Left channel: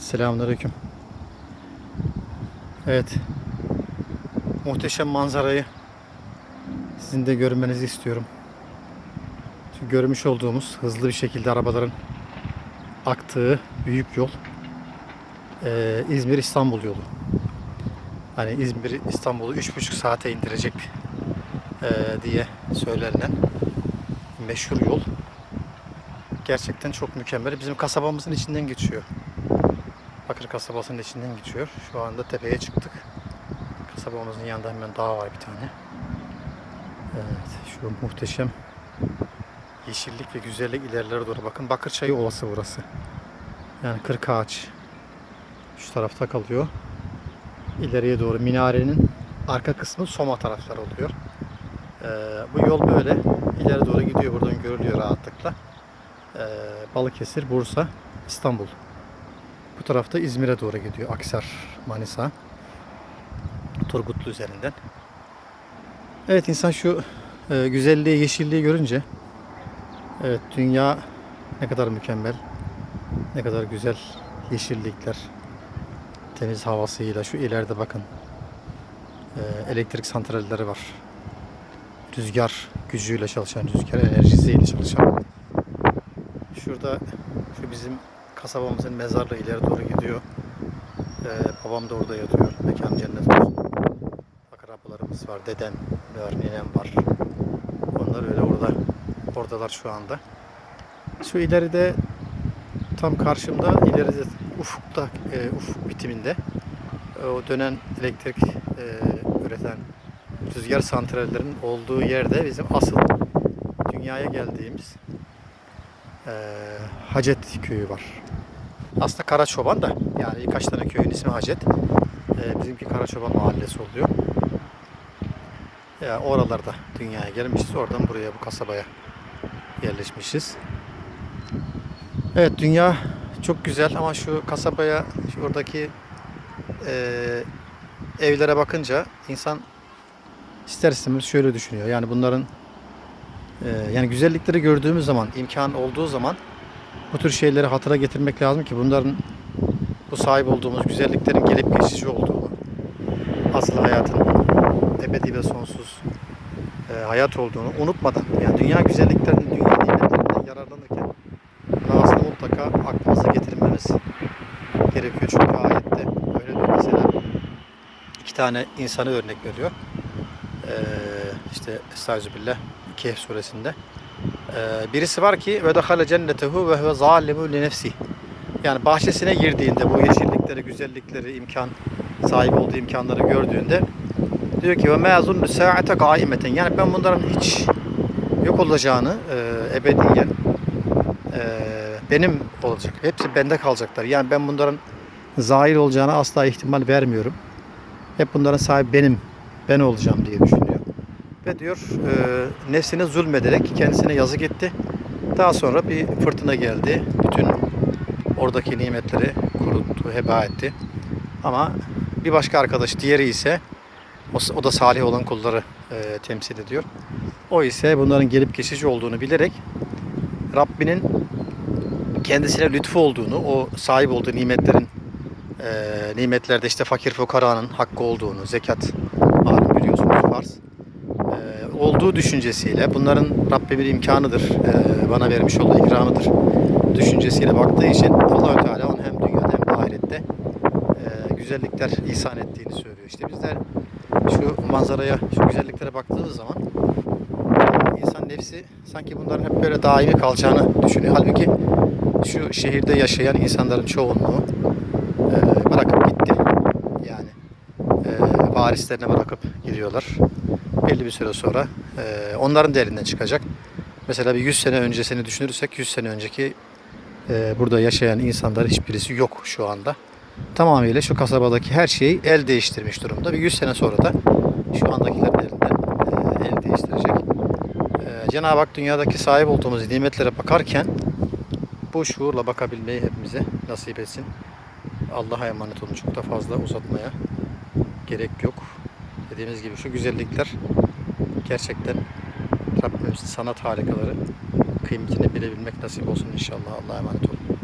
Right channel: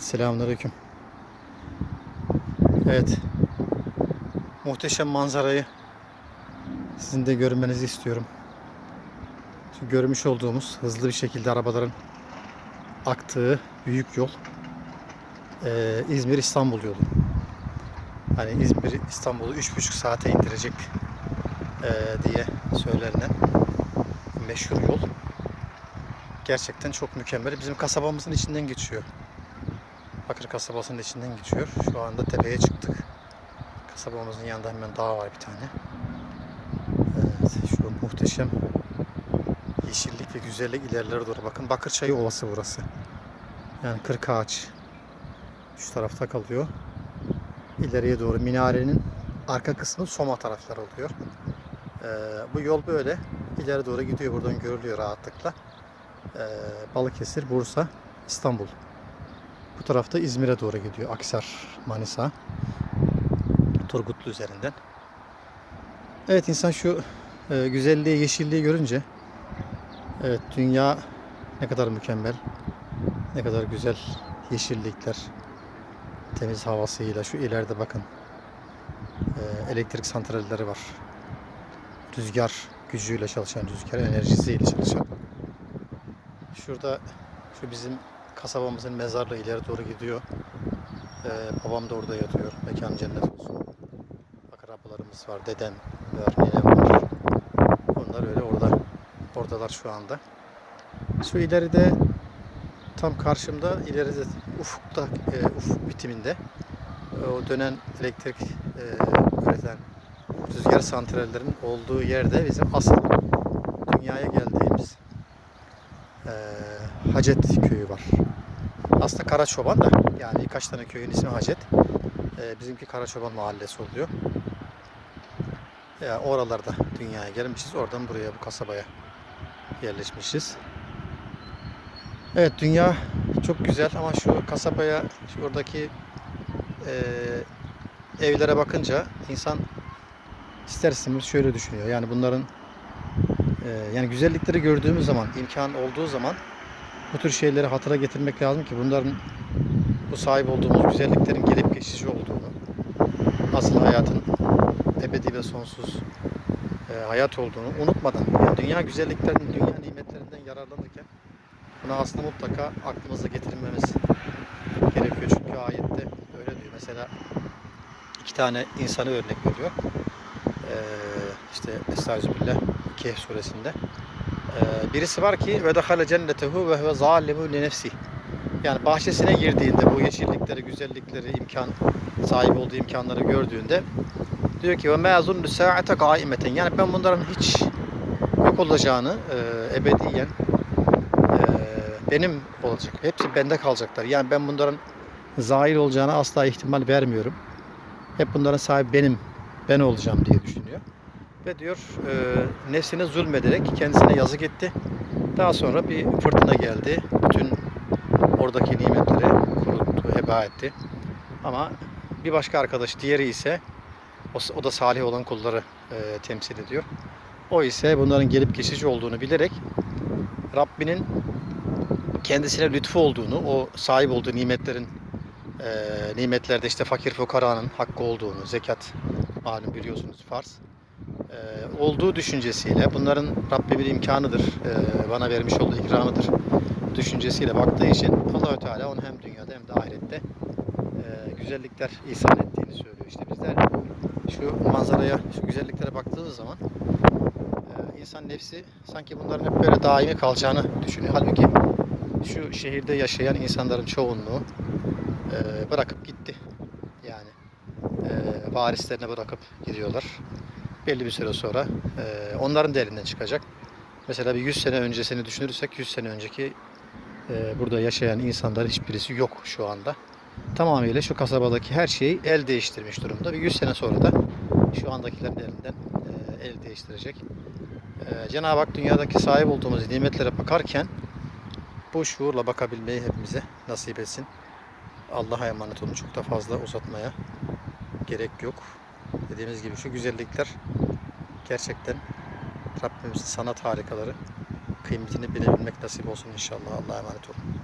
Selamünaleyküm. Evet. Muhteşem manzarayı sizin de görmenizi istiyorum. Şu görmüş olduğumuz hızlı bir şekilde arabaların aktığı büyük yol eee, İzmir İstanbul yolu. Hani İzmir İstanbul'u 3,5 saate indirecek eee, diye söylenilen meşhur yol. Gerçekten çok mükemmel. Bizim kasabamızın içinden geçiyor. Bakır kasabasının içinden geçiyor. Şu anda tepeye çıktık. Kasabamızın yanında hemen dağ var bir tane. Evet, şu muhteşem yeşillik ve güzellik ilerilere doğru bakın. Bakırçayı Ovası burası. Yani kırk ağaç. Şu tarafta kalıyor. İleriye doğru minarenin arka kısmı Soma tarafları oluyor. Ee, bu yol böyle ileri doğru gidiyor. Buradan görülüyor rahatlıkla. Ee, Balıkesir, Bursa, İstanbul. Bu tarafta İzmir'e doğru gidiyor. Aksar, Manisa. Turgutlu üzerinden. Evet insan şu e, güzelliği, yeşilliği görünce evet dünya ne kadar mükemmel, ne kadar güzel yeşillikler, temiz havasıyla şu ileride bakın e, elektrik santralleri var. Rüzgar gücüyle çalışan, rüzgar enerjisiyle çalışan. Şurada şu bizim kasabamızın mezarlığı ileri doğru gidiyor. Ee, babam da orada yatıyor. Mekan cennet olsun. Akrabalarımız var. Dedem var, nenem var. Onlar öyle orada. Oradalar şu anda. Şu ileride tam karşımda ileride ufukta e, ufuk bitiminde e, o dönen elektrik e, üreten rüzgar santrallerinin olduğu yerde bizim asıl dünyaya geldiğimiz e, Hacet köyü var. Aslında Karaçoban da yani birkaç tane köyün ismi Hacet. E, bizimki Karaçoban mahallesi oluyor. Ya oralarda dünyaya gelmişiz. Oradan buraya bu kasabaya yerleşmişiz. Evet dünya çok güzel ama şu kasabaya şuradaki e, evlere bakınca insan ister istemez şöyle düşünüyor. Yani bunların e, yani güzellikleri gördüğümüz zaman, imkan olduğu zaman bu tür şeyleri hatıra getirmek lazım ki bunların bu sahip olduğumuz güzelliklerin gelip geçici olduğunu, asıl hayatın ebedi ve sonsuz e, hayat olduğunu unutmadan, yani dünya güzelliklerinin, dünya nimetlerinden yararlanırken bunu aslında mutlaka aklımıza getirmemiz gerekiyor. Çünkü ayette öyle diyor mesela iki tane insanı örnek veriyor. Ee, işte Estağfirullah Kehf suresinde. Ee, birisi var ki ve dehale cennetehu ve huve zalimu li nefsi. Yani bahçesine girdiğinde bu yeşillikleri, güzellikleri, imkan sahip olduğu imkanları gördüğünde diyor ki ve ma zunnu saate kaimeten. Yani ben bunların hiç yok olacağını e, ebediyen e, benim olacak. Hepsi bende kalacaklar. Yani ben bunların zahir olacağına asla ihtimal vermiyorum. Hep bunların sahibi benim. Ben olacağım diye düşünüyor. Ve diyor e, nefsine zulmederek kendisine yazık etti. Daha sonra bir fırtına geldi. Bütün oradaki nimetleri kuruttu, heba etti. Ama bir başka arkadaş diğeri ise o, o da salih olan kulları e, temsil ediyor. O ise bunların gelip geçici olduğunu bilerek Rabbinin kendisine lütfu olduğunu, o sahip olduğu nimetlerin e, nimetlerde işte fakir fukaranın hakkı olduğunu, zekat malum biliyorsunuz farz olduğu düşüncesiyle bunların Rabbimin imkanıdır, e, bana vermiş olduğu ikramıdır düşüncesiyle baktığı için allah Teala onun hem dünyada hem de ahirette e, güzellikler ihsan ettiğini söylüyor. İşte bizler şu manzaraya, şu güzelliklere baktığımız zaman insan nefsi sanki bunların hep böyle daimi kalacağını düşünüyor. Halbuki şu şehirde yaşayan insanların çoğunluğu e, bırakıp gitti. Yani e, varislerine bırakıp gidiyorlar. Belli bir süre sonra e, onların da çıkacak. Mesela bir 100 sene öncesini düşünürsek 100 sene önceki e, burada yaşayan insanların hiçbirisi yok şu anda. Tamamıyla şu kasabadaki her şeyi el değiştirmiş durumda. Bir 100 sene sonra da şu andakilerin elinden e, el değiştirecek. E, Cenab-ı Hak dünyadaki sahip olduğumuz nimetlere bakarken bu şuurla bakabilmeyi hepimize nasip etsin. Allah'a emanet olun. Çok da fazla uzatmaya gerek yok. Dediğimiz gibi şu güzellikler gerçekten Rabbimizin sanat harikaları kıymetini bilebilmek nasip olsun inşallah. Allah'a emanet olun.